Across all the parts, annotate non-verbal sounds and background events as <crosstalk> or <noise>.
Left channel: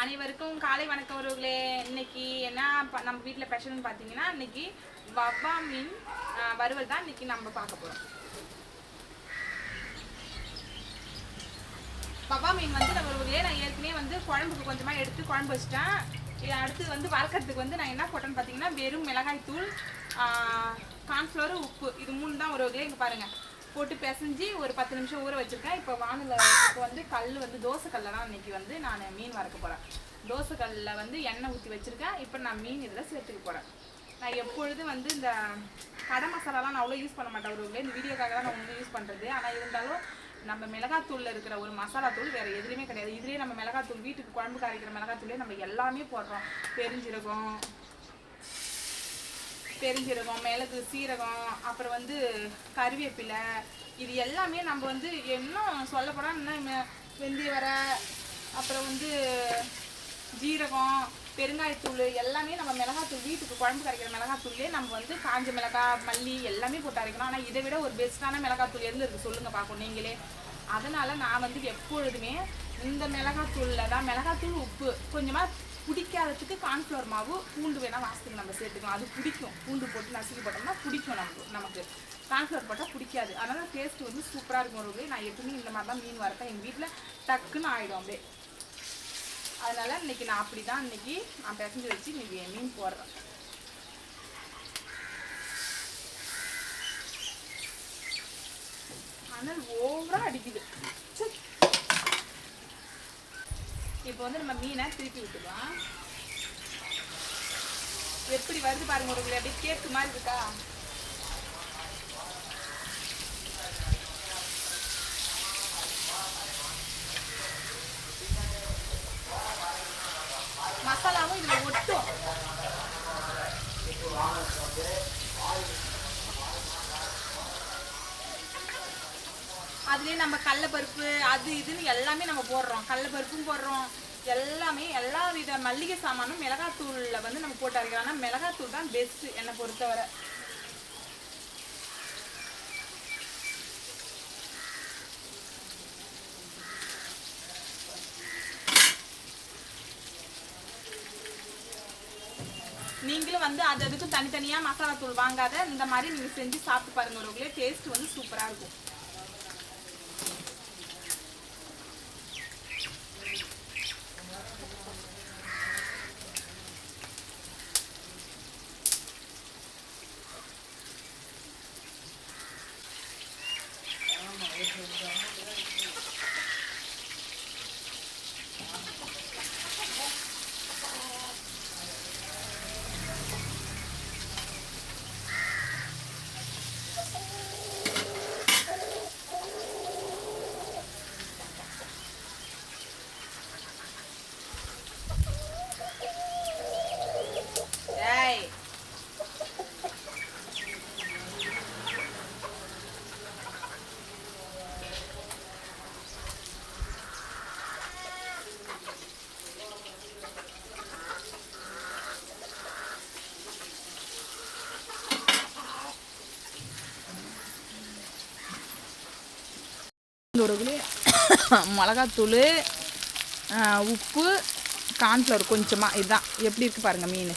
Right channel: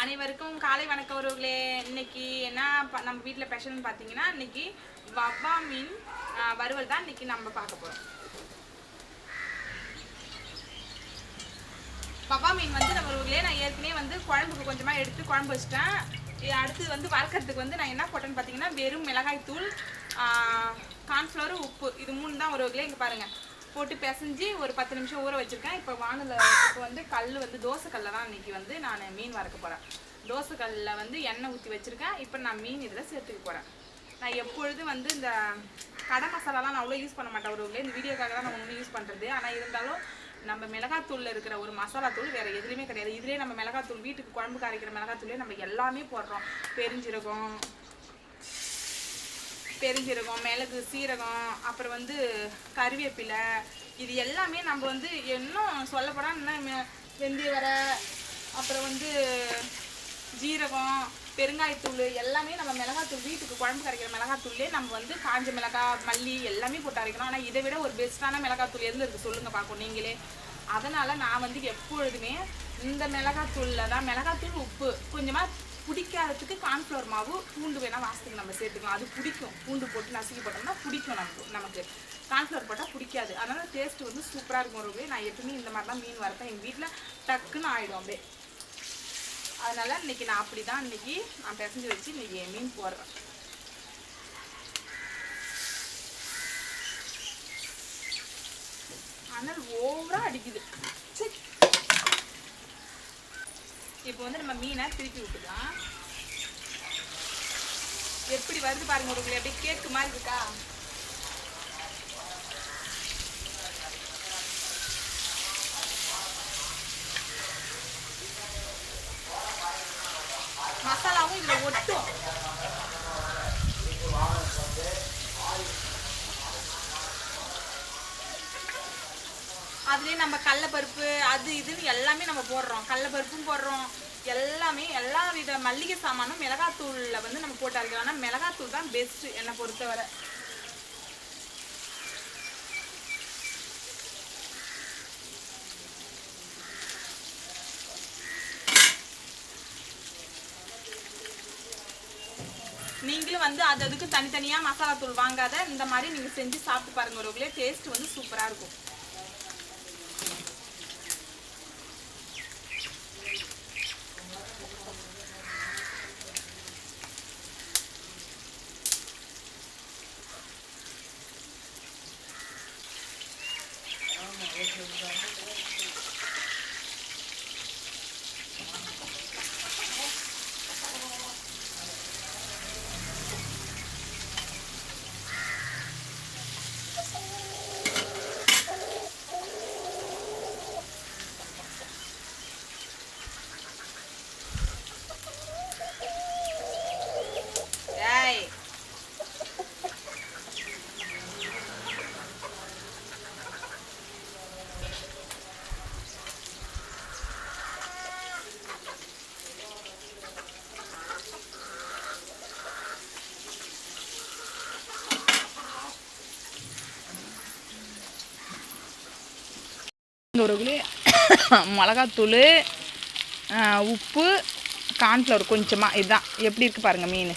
அனைவருக்கும் காலை வணக்கம் உறவுகளே. இன்னைக்கு என்ன ப- நம்ம வீட்டில் ஸ்பெஷல்னு பார்த்தீங்கன்னா இன்னைக்கு வவ்வா மீன் வறுவல் தான் இன்னைக்கு நம்ம பார்க்க போகிறோம் வவ்வா மீன் வந்து நம்ம உறவுகளே நான் ஏற்கனவே வந்து குழம்புக்கு கொஞ்சமாக எடுத்து குழம்பு வச்சிட்டேன். அடுத்து வந்து வறுக்கிறதுக்கு வந்து நான் என்ன போட்டேன்னு பார்த்தீங்கன்னா வெறும் மிளகாய் தூள் கார்ன்ஃப்ளவர் உப்பு. இது மூணு தான் உறவுகளே இங்கே பாருங்கள் போட்டு பிசைஞ்சு ஒரு பத்து நிமிஷம் ஊற வச்சிருக்கேன். இப்போ வானல இப்போ வந்து கல் வந்து தோசை கல்ல தான் இன்னைக்கு வந்து நான் மீன் வறுக்க போகிறேன் தோசை கல்லில் வந்து எண்ணெய் ஊற்றி வச்சுருக்கேன். இப்போ நான் மீன் இதில் சேர்த்துக்க போகிறேன் நான் எப்பொழுதும் வந்து இந்த கடை மசாலாலாம் நான் அவ்வளோ யூஸ் பண்ண மாட்டேன். ஒரு இந்த வீடியோக்காக தான் நான் ஒன்று யூஸ் பண்ணுறது ஆனால் இருந்தாலும் நம்ம மிளகாத்தூளில் இருக்கிற ஒரு மசாலா தூள் வேறு எதுலேயுமே கிடையாது. இதுலேயே நம்ம மிளகாத்தூள் வீட்டுக்கு குழம்புக்கு அரைக்கிற மிளகாத்தூளே நம்ம எல்லாமே போடுறோம். பெருஞ்சீரகம் பெருஞ்சீரகம் மிளகு சீரகம் அப்புறம் வந்து கருவேப்பிலை இது எல்லாமே நம்ம வந்து இன்னும் சொல்லப்போனால் இன்னும் வெந்தய வரை அப்புறம் வந்து ஜீரகம் பெருங்காயத்தூள் எல்லாமே நம்ம மிளகாத்தூள் வீட்டுக்கு குழம்பு கரைக்கிற மிளகாத்தூள்லேயே நம்ம வந்து காஞ்ச மிளகாய் மல்லி எல்லாமே போட்டு அரைக்கணும். ஆனால் இதை விட ஒரு பெஸ்ட்டான மிளகாத்தூள் எதில் இருக்குது சொல்லுங்கள் பார்க்கும் நீங்களே. அதனால் நான் வந்து எப்பொழுதுமே இந்த மிளகாத்தூளில் தான் மிளகாத்தூள் உப்பு கொஞ்சமாக பிடிக்காததுக்கு கார்ன்ஃப்ளவர் மாவு பூண்டு வேணால் வாசத்துக்கு நம்ம சேர்த்துக்கலாம். அது பிடிக்கும். பூண்டு போட்டு நசுக்கி போட்டோம்னா பிடிக்கும் நமக்கு நமக்கு. கார்ன்ஃப்ளவர் போட்டால் பிடிக்காது. அதனால் டேஸ்ட் வந்து சூப்பராக இருக்கும் ஒரு நான் எப்பவுமே இந்த மாதிரி தான் மீன் வரத்தான் எங்கள் வீட்டில் டக்குன்னு ஆகிடும் அப்படியே. அதனால் இன்னைக்கு நான் அப்படி தான் இன்னைக்கு நான் பிசைஞ்சு வச்சு இன்றைக்கி மீன் போடுறேன். அனல் ஓவராக அடிக்குது. இப்போ வந்து நம்ம மீனை திருப்பி விட்டுக்கலாம் எப்படி வருது பாருங்க உங்களுக்கு அப்படியே கேக்கு மாதிரி இருக்கா? அதுலேயே நம்ம கடலப்பருப்பு அது இதுன்னு எல்லாமே நம்ம போடுறோம். கடலப்பருப்பும் போடுறோம். எல்லாமே எல்லா வித மல்லிகை சாமானும் மிளகாத்தூளில் வந்து நம்ம போட்டு அரைக்கிறோம் ஆனால் மிளகாத்தூள் தான் பெஸ்ட்டு என்னை பொறுத்தவரை. நீங்களும் வந்து அது அதுக்கு தனித்தனியாக மசாலா தூள் வாங்காத இந்த மாதிரி நீங்கள் செஞ்சு சாப்பிட்டு பாருங்க ஒரு டேஸ்ட் வந்து சூப்பராக இருக்கும். உறவுகளே <coughs> மிளகாத்தூள் உப்பு கார்ன்ஃப்ளவர் கொஞ்சமாக இதுதான் எப்படி இருக்குது பாருங்கள் மீன்.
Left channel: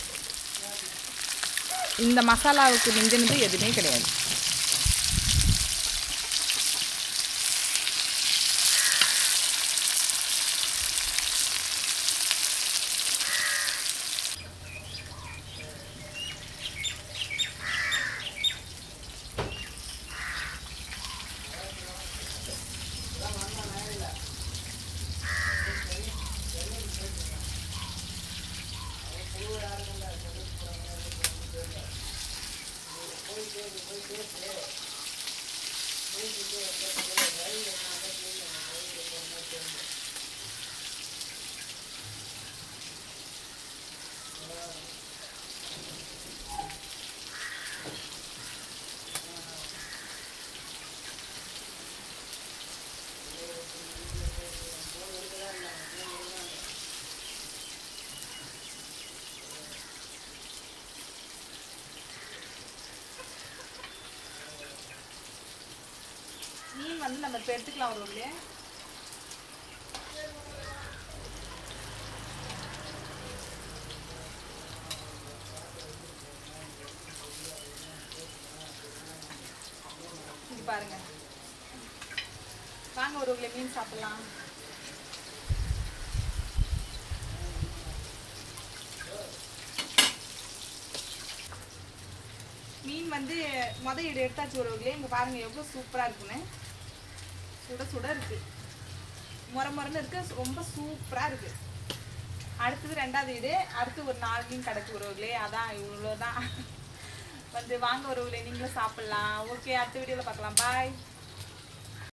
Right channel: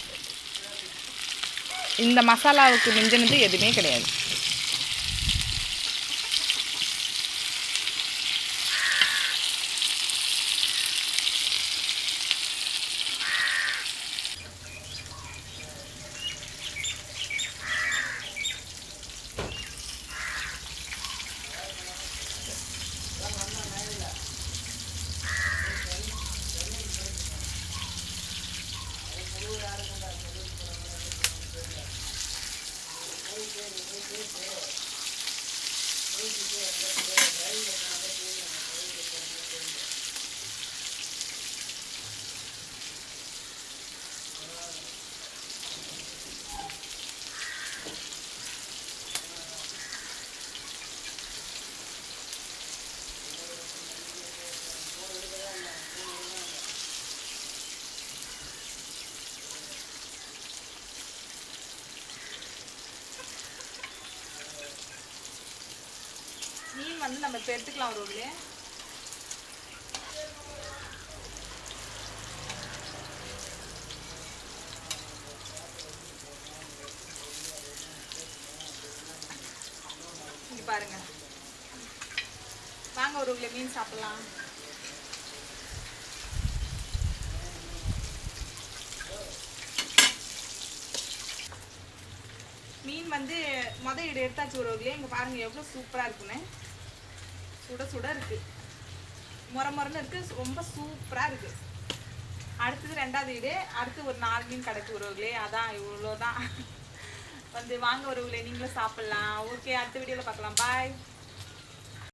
இந்த மசாலாவுக்கு மிஞ்சினது எதுவுமே கிடையாது. Thank you. வந்து நம்ம இப்போ எடுத்துக்கலாம் ஒரு உள்ளே. இங்கே பாருங்க. வாங்க ஒரு உள்ள மீன் சாப்பிட்லாம். மீன் வந்து மொதல் இடு எடுத்தாச்சு ஒரு இங்கே பாருங்கள் எவ்வளோ சூப்பராக இருக்குன்னு. சுட சுட இருக்கு. முற முறன்னு இருக்கு. ரொம்ப சூப்பரா இருக்கு. அடுத்தது ரெண்டாவது வீடு. அடுத்து ஒரு நாலு மீன் கிடக்கு உறவுகளே அதான் இவ்வளோதான் வந்து வாங்க உறவுகளே நீங்களும் சாப்பிடலாம். ஓகே அடுத்த வீடியோவில் பார்க்கலாம். பாய்